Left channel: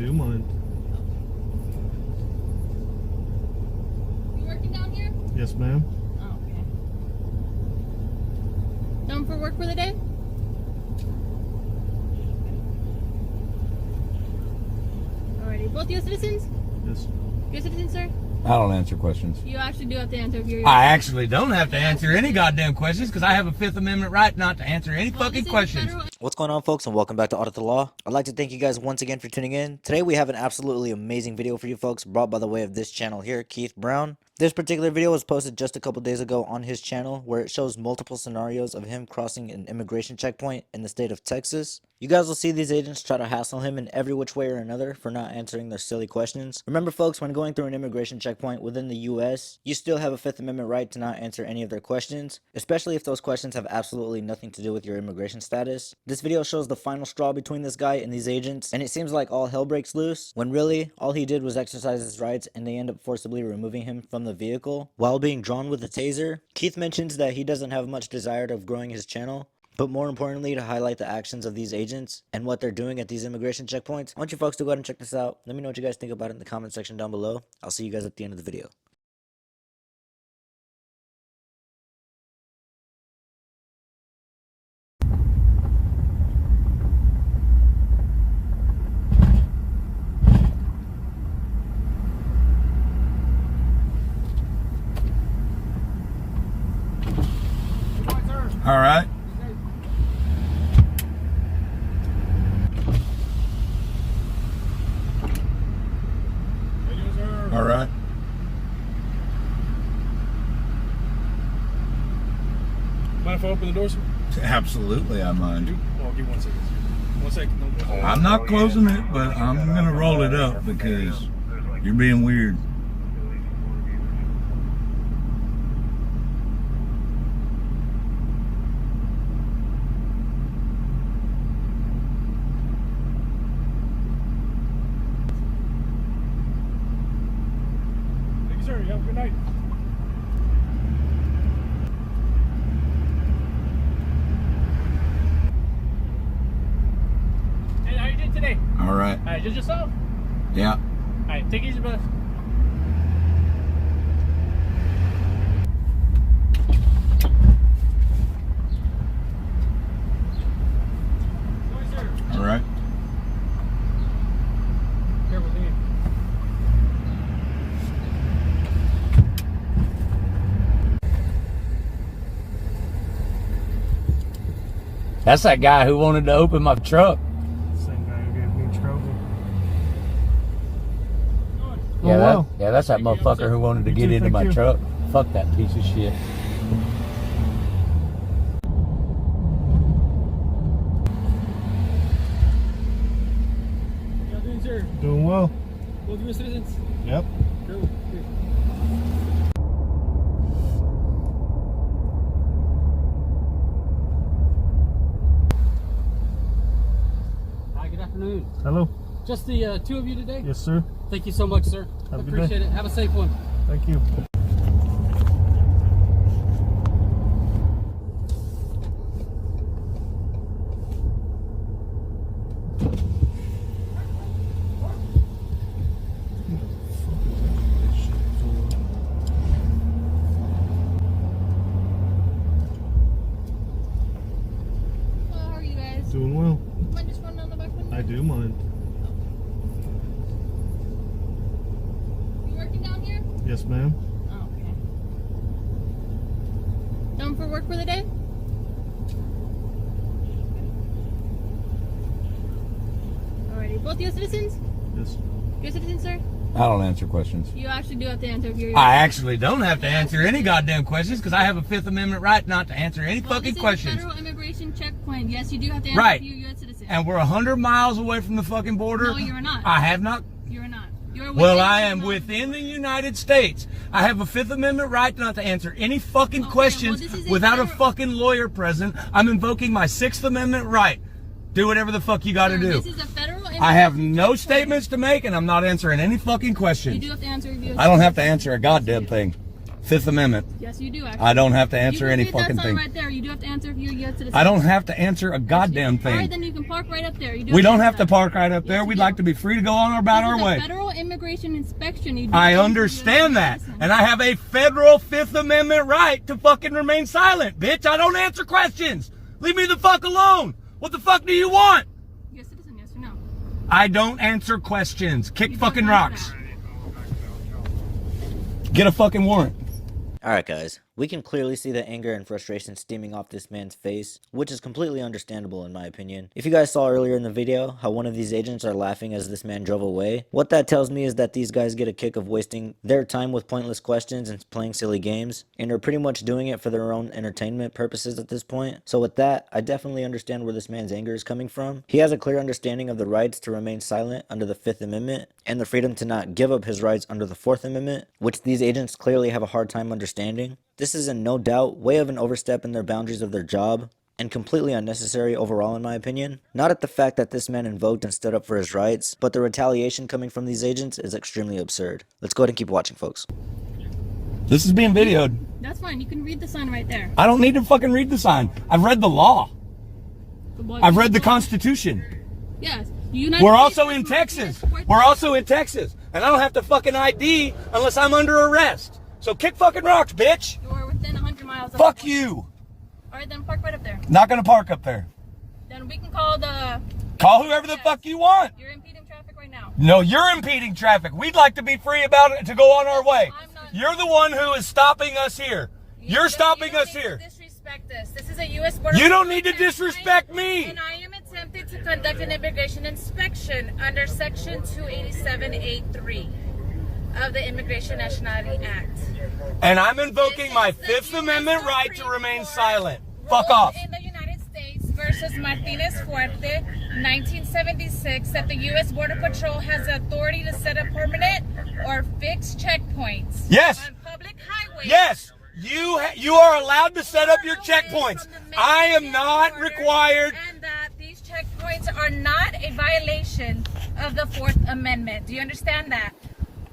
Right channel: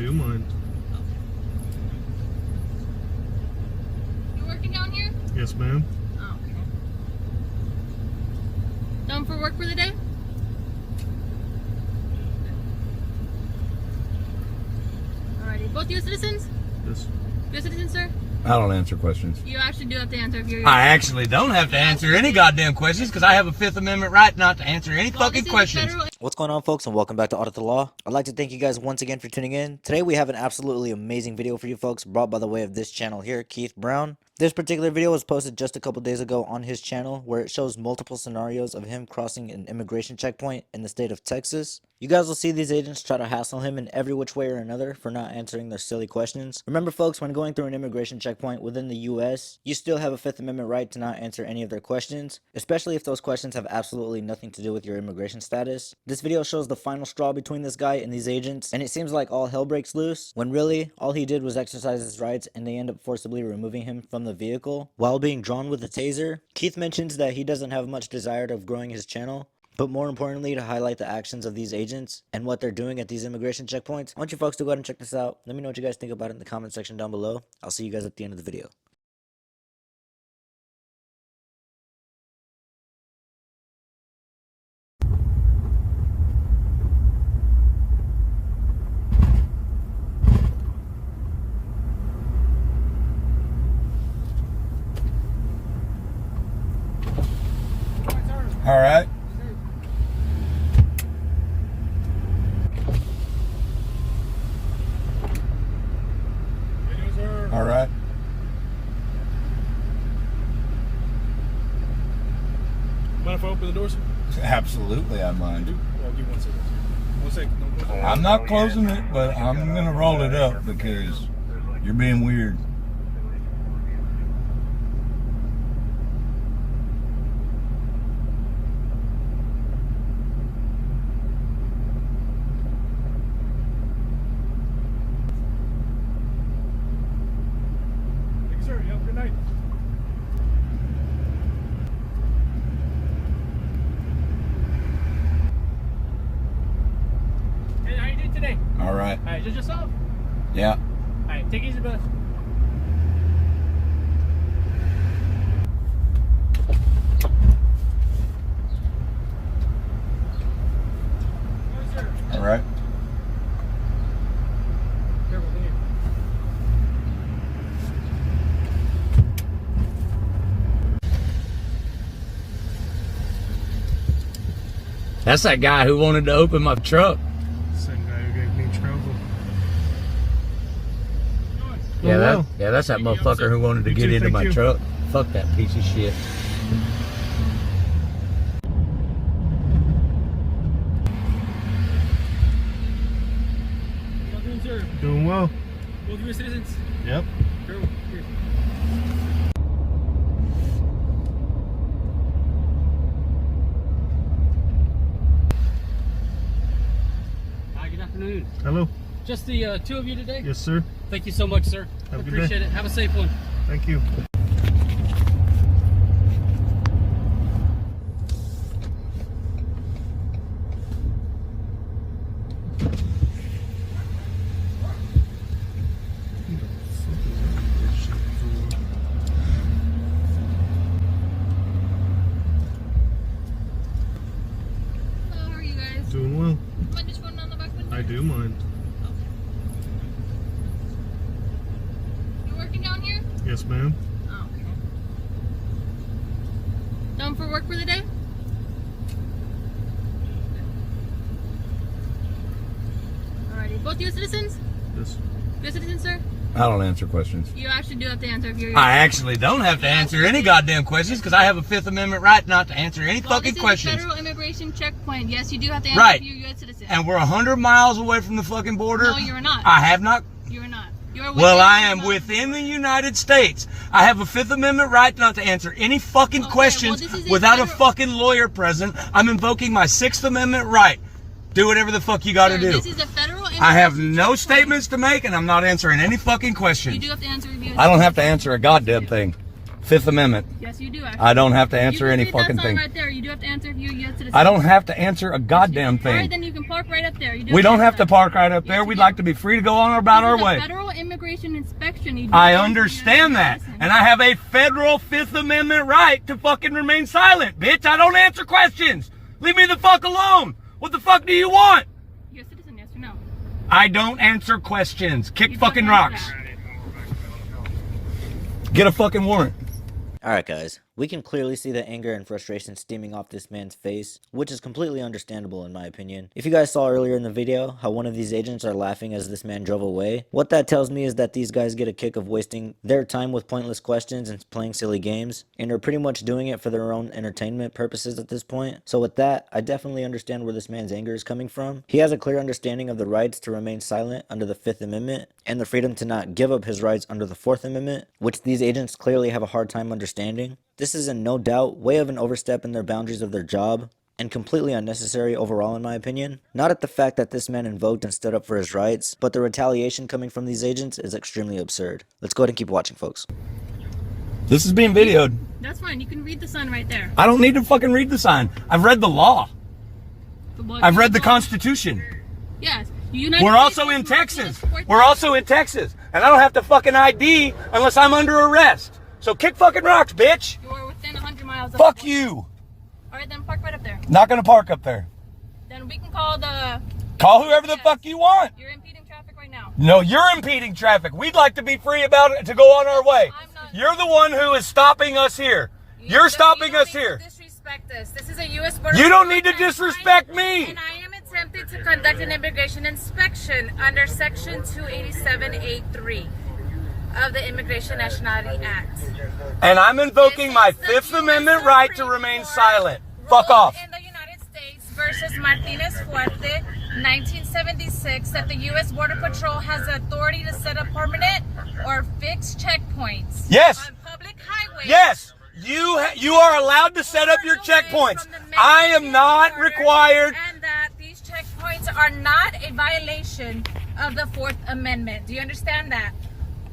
do mind. You working down here? Yes, ma'am. Oh, okay. Done for work for the day? Alrighty. Both U.S. citizens? Yes. U.S. citizens, sir? I don't answer questions. You actually do have to answer if you're... I actually don't have to answer any goddamn questions because I have a Fifth Amendment right not to answer any fucking questions. What's going on, folks, and welcome back to Audit the Law. I'd like to thank you guys once again for tuning in. Today we have an absolutely amazing video for you folks brought by the way of this channel here, Keith Brown. This particular video was posted just a couple days ago on his channel where it shows multiple scenarios of him crossing an immigration checkpoint in the state of Texas. You guys will see these agents try to hassle him in every which way or another for not answering their silly questions. Remember, folks, when going through an immigration checkpoint within the US, you still have a Fifth Amendment right to not answer any of their questions, especially if those questions have absolutely nothing to do with your immigration status. This video shows the final straw between this guy and these agents, and it seems like all hell breaks loose, when really, all he did was exercise his rights and they end up forcibly removing him from the vehicle while being drawn with a taser. Keith mentions that he doesn't have much desire of growing his channel, but more importantly to highlight the actions of these agents and what they're doing at these immigration checkpoints. I want you folks to go ahead and check this out. Let me know what you guys think about it in the comment section down below. I'll see you guys at the end of the video. All right. All right. Mind if I open the door, sir? Absolutely, I mind. I'll give 1 second. 1 second. No, I'm not closing it, but I'm gonna roll it up because you're being weird. Thank you, sir. You have a good night. Hey, how you doing today? All right. All right, just yourself? Yeah. All right, take it easy, brother. All right. That's that guy who wanted to open my truck. Same guy who gave me trouble. Yeah, that's that motherfucker who wanted to You get too, into thank my you. truck. Fuck that piece of shit. How you doing, sir? Doing well. Both U.S. citizens? Yep. Sure. Here. Hi, good afternoon. Hello. Just the two of you today? Yes, sir. Thank you so much, sir. Have a good Appreciate day. it. Have a safe one. Thank you. Hello, how are you guys? Doing well. Mind just running on the back window? I do mind. You working down here? Yes, ma'am. Oh, okay. Done for work for the day? Alrighty. Both U.S. citizens? Yes. U.S. citizens, sir? I don't answer questions. You actually do have to answer if you're... I actually don't have to answer any goddamn questions because I have a Fifth Amendment right not to answer any fucking questions. This is a federal immigration checkpoint. Yes, you do have to answer Right. if you're a U.S. citizen. And we're 100 miles away from the fucking border. No, you're not. I have not. You are not. You're Well, I am 100 miles. within the United States. I have a Fifth Amendment right not to answer any fucking Okay, questions well, this is a without a federal- fucking lawyer present. I'm invoking my Sixth Amendment right. Do whatever the fuck you gotta Sir, do. This is a federal I have immigration no checkpoint. statements to make and I'm not answering any fucking questions. You do have to answer if you're I don't have to answer a goddamn thing. Fifth Amendment. Yes, you do. Actually. I don't have to answer you any can read fucking that sign thing. right there. You do have to answer if you're a U.S. citizen. I don't have to answer a goddamn All right, thing. then you can park right up there. We don't have to park right up Yes, there. you We'd do. like to be free to go on about our This is a way. federal immigration inspection. You do I have to understand be a that. citizen. And I have a federal Fifth Amendment right to fucking remain silent, bitch. I don't answer questions. Leave me the fuck alone. What the fuck do you want? You're a citizen, yes or no? I don't answer questions. Kick You don't fucking answer rocks. that. Get a fucking warrant. Alright guys, we can clearly see the anger and frustration steaming off this man's face, which is completely understandable in my opinion. If you guys saw earlier in the video how one of these agents are laughing as this man drove away, what that tells me is that these guys get a kick of wasting their time with pointless questions and playing silly games, and are pretty much doing it for their own entertainment purposes at this point. So with that, I definitely understand where this man's anger is coming from. He has a clear understanding of the rights to remain silent under the Fifth Amendment, and the freedom to not give up his rights under the Fourth Amendment, which these agents clearly have a hard time understanding. This is in no doubt way of an overstep in their boundaries of their job, and completely unnecessary overall in my opinion. Not at the fact that this man invoked and stood up for his rights, but the retaliation coming from these agents is extremely absurd. Let's go ahead and keep watching, folks. This is being videoed. That's fine. You can read the sign right there. I don't need to fucking read the sign. I've read the law. I've read the con. Constitution. Yes. The United We're States also in is Texas. Martinez. We're also in Texas. And I don't have to fucking ID unless I'm under arrest. So kick fucking rocks, bitch. You're within 100 miles of Fuck the- you. All right, then park right up there. Not gonna park up there. Then we can call the... Call whoever the fuck you want. You're impeding traffic right now. No, you're impeding traffic. We'd like to be free about it to go on our way. I'm not- You're the one who is stopping us here. You're stopping us here. Disrespect us. This is a U.S. border. You don't need to patrol, disrespect me. And I am attempting to conduct an immigration inspection under Section 287A3 of the Immigration Nationality Act. And I'm invoking my This is the Fifth U.S. Amendment right to Supreme remain Court silent. Fuck rule off. In the United States versus Martinez Fuerte, 1976, that the U.S. Border Patrol has the authority to set up permanent or fixed checkpoints. Yes. On public highways. Yes, you are allowed to set up your checkpoints. I am not required. And that these checkpoints are not a violation of the Fourth Amendment. Do you understand that?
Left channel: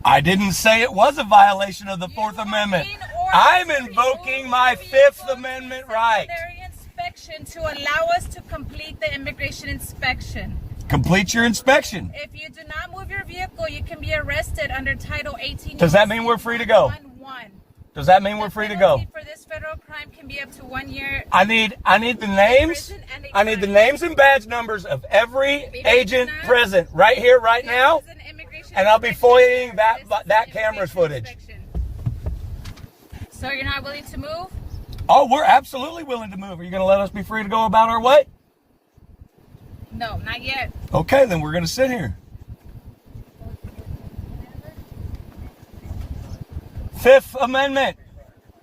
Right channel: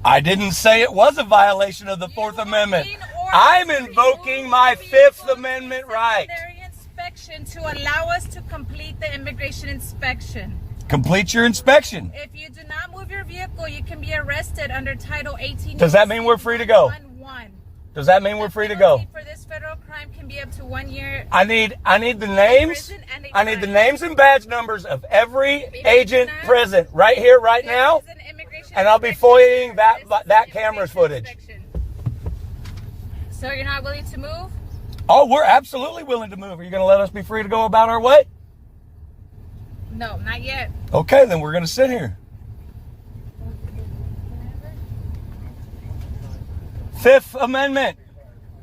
I didn't say it was a violation of the Fourth Amendment. I'm invoking my Fifth Amendment right. Secondary inspection to allow us to complete the immigration inspection. Complete your inspection. If you do not move your vehicle, you can be arrested under Title 18. Does that mean we're free to go? 111. Does that mean we're free to go? The penalty for this federal crime can be up to 1 year. I need the names. I need the names and badge numbers of every agent present right here, right now. This is an immigration And I'll be inspection. FOIAing This is that an camera's immigration footage. inspection. So you're not willing to move? Oh, we're absolutely willing to move. Are you going to let us be free to go about our way? No, not yet. Okay, then we're going to sit here. Fifth Amendment.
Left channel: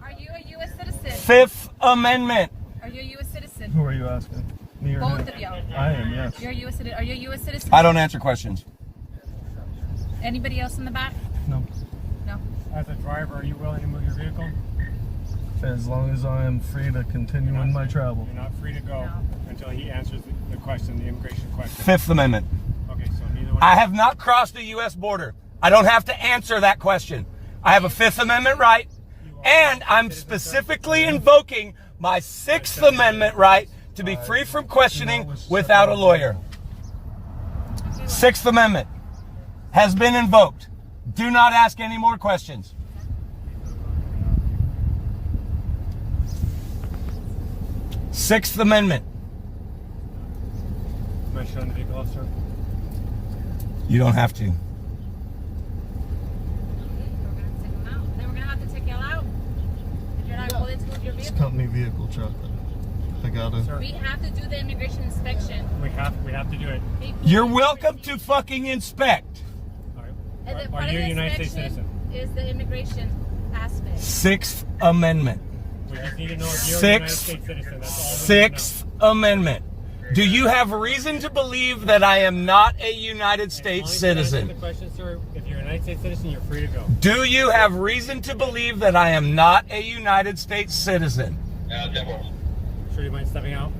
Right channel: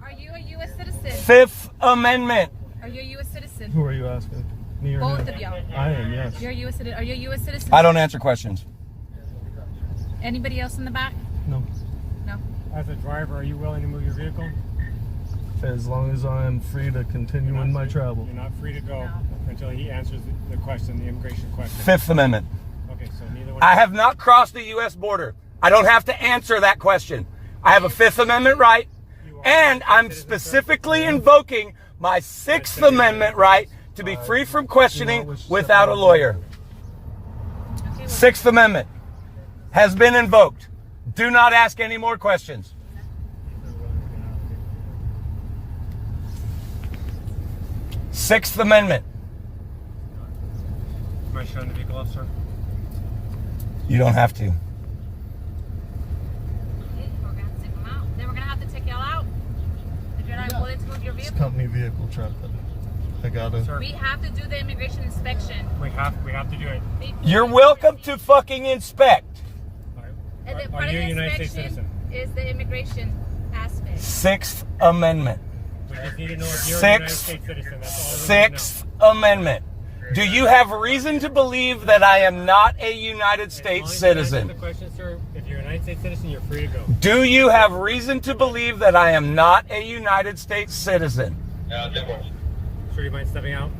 Are you a U.S. citizen? Fifth Amendment. Are you a U.S. citizen? Who are you asking? Me or Both him? of y'all. I am, yes. You're a U.S. citizen. Are you a U.S. citizen? I don't answer questions. Anybody else in the back? No. No. As a driver, are you willing to move your vehicle? As long as I am free to continue in my travel. You're not free to go until he answers the question, the immigration question. Fifth Amendment. Okay, so neither one. I have not crossed the U.S. border. I don't have to answer that question. I have a Fifth Amendment right, and I'm specifically invoking my Sixth Amendment right to be free from questioning without a lawyer. Sixth Amendment has been invoked. Do not ask any more questions. Sixth Amendment. Am I showing the vehicle off, sir? You don't have to. We're gonna have to take them out. Then we're gonna have to take y'all out. If you're not willing to move your It's vehicle. company vehicle truck. I gotta. We have to do the immigration inspection. We have to do it. You're welcome to fucking inspect. And then Are part of you the a United States inspection citizen? is the immigration aspect. Sixth Amendment. We just need to know if you're a United Sixth, States citizen. That's all we need to know. Sixth Amendment. Do you have reason to believe that I am not a United States As long as you answer citizen? the question, sir, if you're a United States citizen, you're free to go. Do you have reason to believe that I am not a United States citizen? Sure you mind stepping out?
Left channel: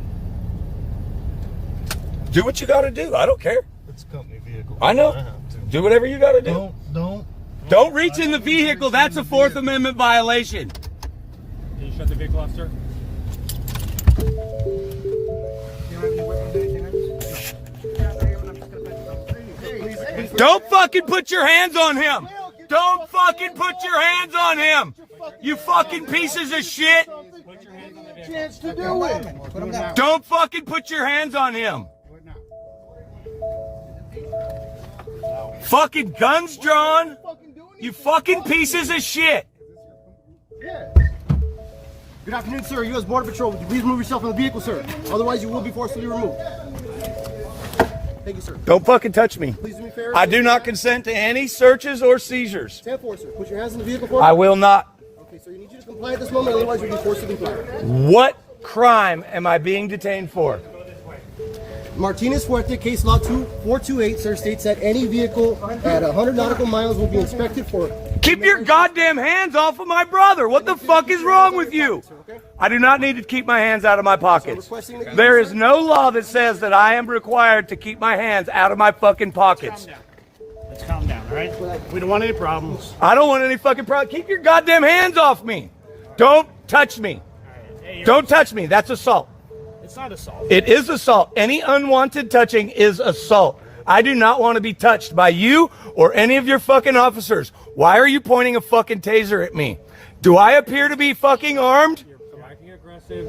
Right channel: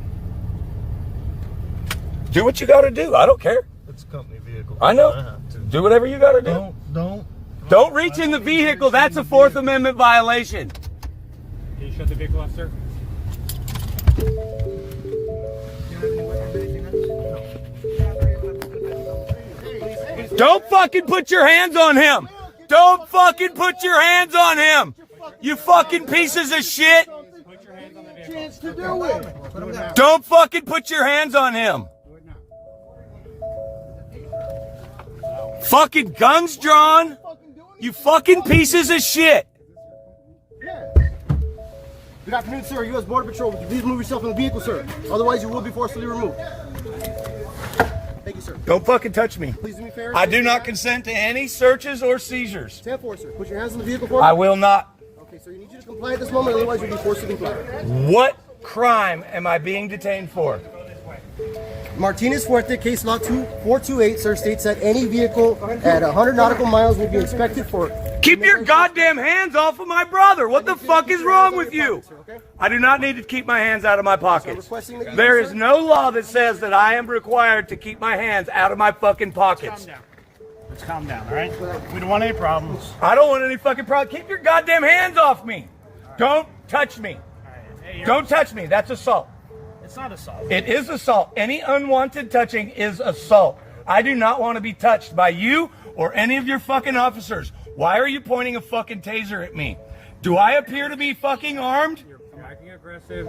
Do what you gotta do. I don't care. It's a company vehicle. I know. have to. Do whatever you gotta do. Don't Don't reach in the vehicle. That's a Fourth Amendment violation. Can you shut the vehicle off, sir? Don't fucking put your hands on him. Don't fucking put your hands on him. You fucking pieces of shit. Put your hands on the vehicle. Chance to do it. Don't fucking put your hands on him. Fucking guns drawn. You fucking pieces of shit. Yeah. Good afternoon, sir. U.S. Border Patrol. Would you please remove yourself from the vehicle, sir? Otherwise, you will be forcibly removed. Thank you, sir. Don't fucking touch me. Please do me a favor. I do not consent to any searches or seizures. 10-4, sir. Put your hands on the vehicle for me. I will not. Okay, sir. You need you to comply at this moment. Otherwise, you'll be forced to comply. What crime am I being detained for? Martinez Fuerte, case law 2428, sir, states that any vehicle at 100 nautical miles will be inspected for... Keep your goddamn hands off of my brother. What the fuck is wrong with you? I do not need to keep my hands out of my pockets. There is no law that says that I am required to keep my hands out of my fucking pockets. Let's calm down, all right? We don't want any problems. I don't want any fucking problem. Keep your goddamn hands off me. Don't touch me. Don't touch me. That's assault. It's not assault. It is assault. Any unwanted touching is assault. I do not want to be touched by you or any of your fucking officers. Why are you pointing a fucking taser at me? Do I appear to be fucking armed? You're acting aggressive.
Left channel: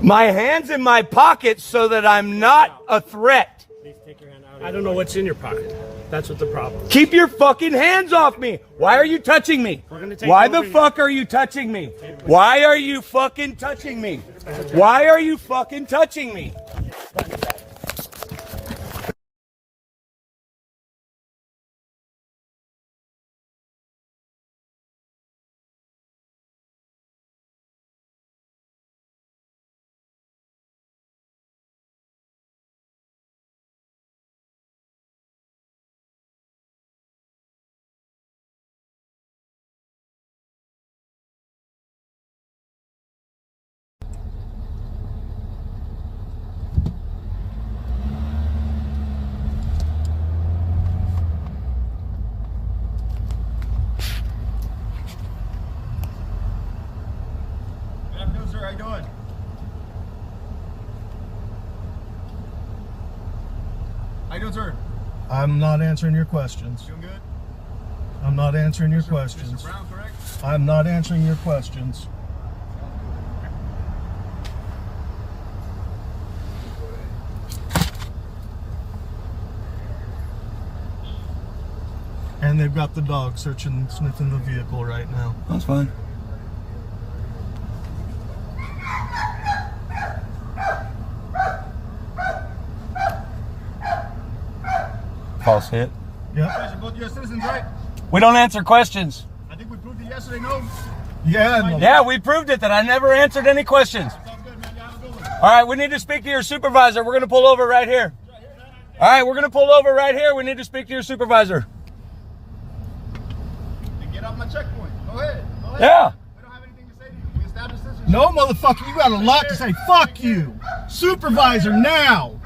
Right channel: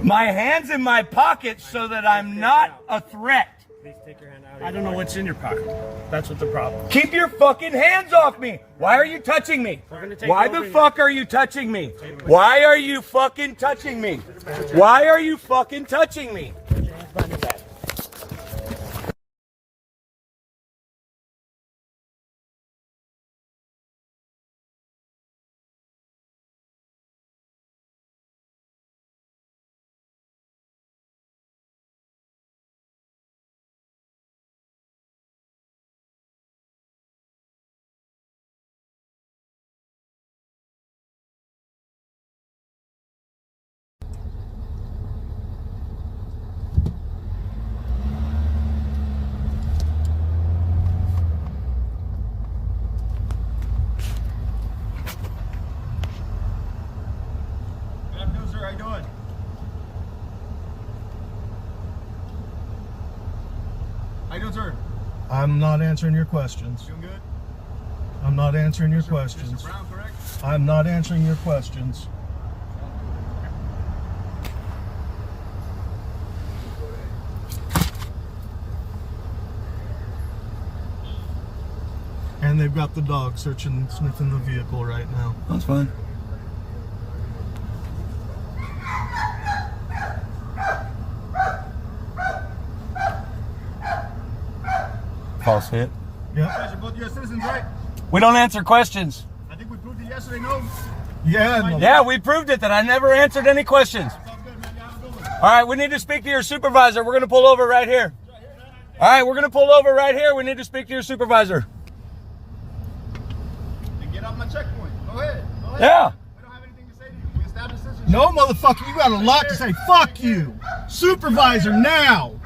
My hand's in my pockets so that I'm not a threat. Please take your hand out. I don't know what's in your pocket. That's what the problem is. Keep your fucking hands off me. Why are you touching me? Why the fuck are you touching me? Why are you fucking touching me? Why are you fucking touching me? How you doing? How you doing, sir? I'm not answering your questions. Doing good? I'm not answering your questions. Mr. Brown, correct? I'm not answering your questions. And they've got the dog searching, sniffing the vehicle right now. That's fine. False hit. Yeah. You guys are both U.S. citizens, right? We don't answer questions. I think we proved it yesterday, no? Yeah. Yeah, we proved it that I never answered any questions. Sounds good, man. You have a good one. All right, we need to speak to your supervisor. We're going to pull over right here. All right, we're going to pull over right here. We need to speak to your supervisor. Then get off my checkpoint. Go ahead. Go ahead. Yeah. We don't have anything to say to you. We established this. No, motherfucker, you got a lot to say. Fuck you. Supervisor now.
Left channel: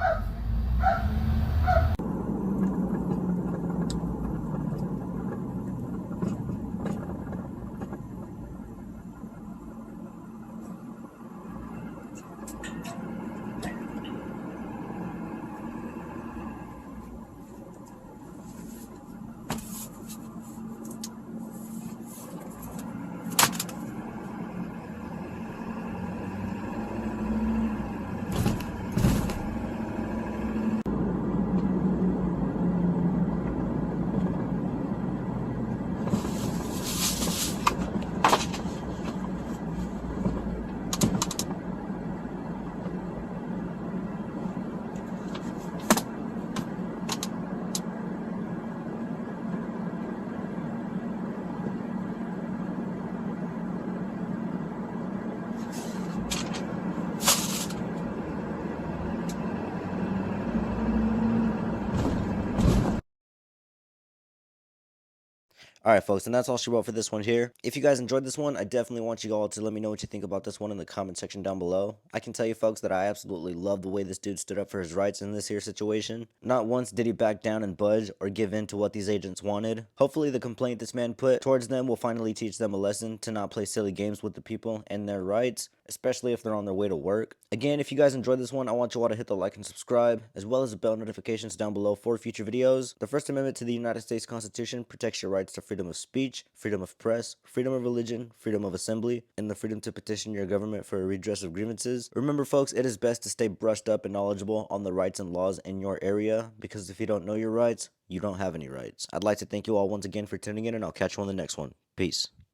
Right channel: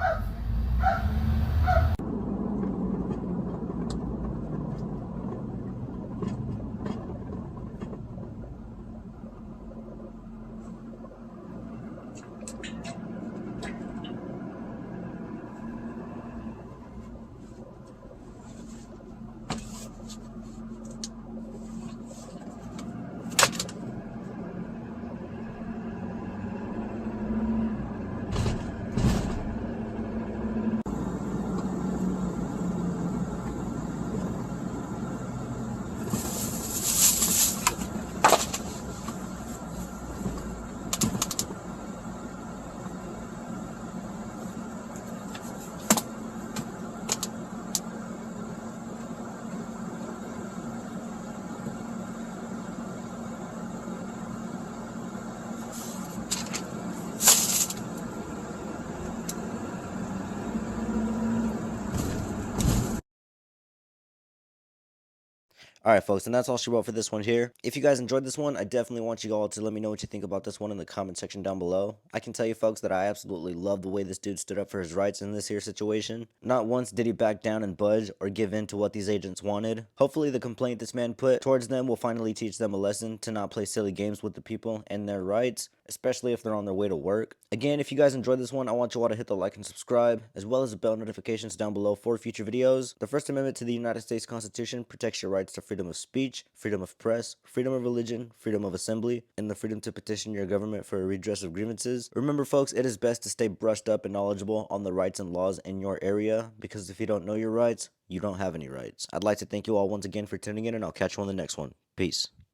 Alright folks, and that's all she wrote for this one here. If you guys enjoyed this one, I definitely want you all to let me know what you think about this one in the comment section down below. I can tell you folks that I absolutely love the way this dude stood up for his rights in this here situation. Not once did he back down and budge or give in to what these agents wanted. Hopefully the complaint this man put towards them will finally teach them a lesson to not play silly games with the people and their rights, especially if they're on their way to work. Again, if you guys enjoyed this one, I want you all to hit the like and subscribe, as well as the bell notifications down below for future videos. The First Amendment to the United States Constitution protects your rights to freedom of speech, freedom of press, freedom of religion, freedom of assembly, and the freedom to petition your government for a redress of grievances. Remember folks, it is best to stay brushed up and knowledgeable on the rights and laws in your area, because if you don't know your rights, you don't have any rights. I'd like to thank you all once again for tuning in, and I'll catch you on the next one. Peace.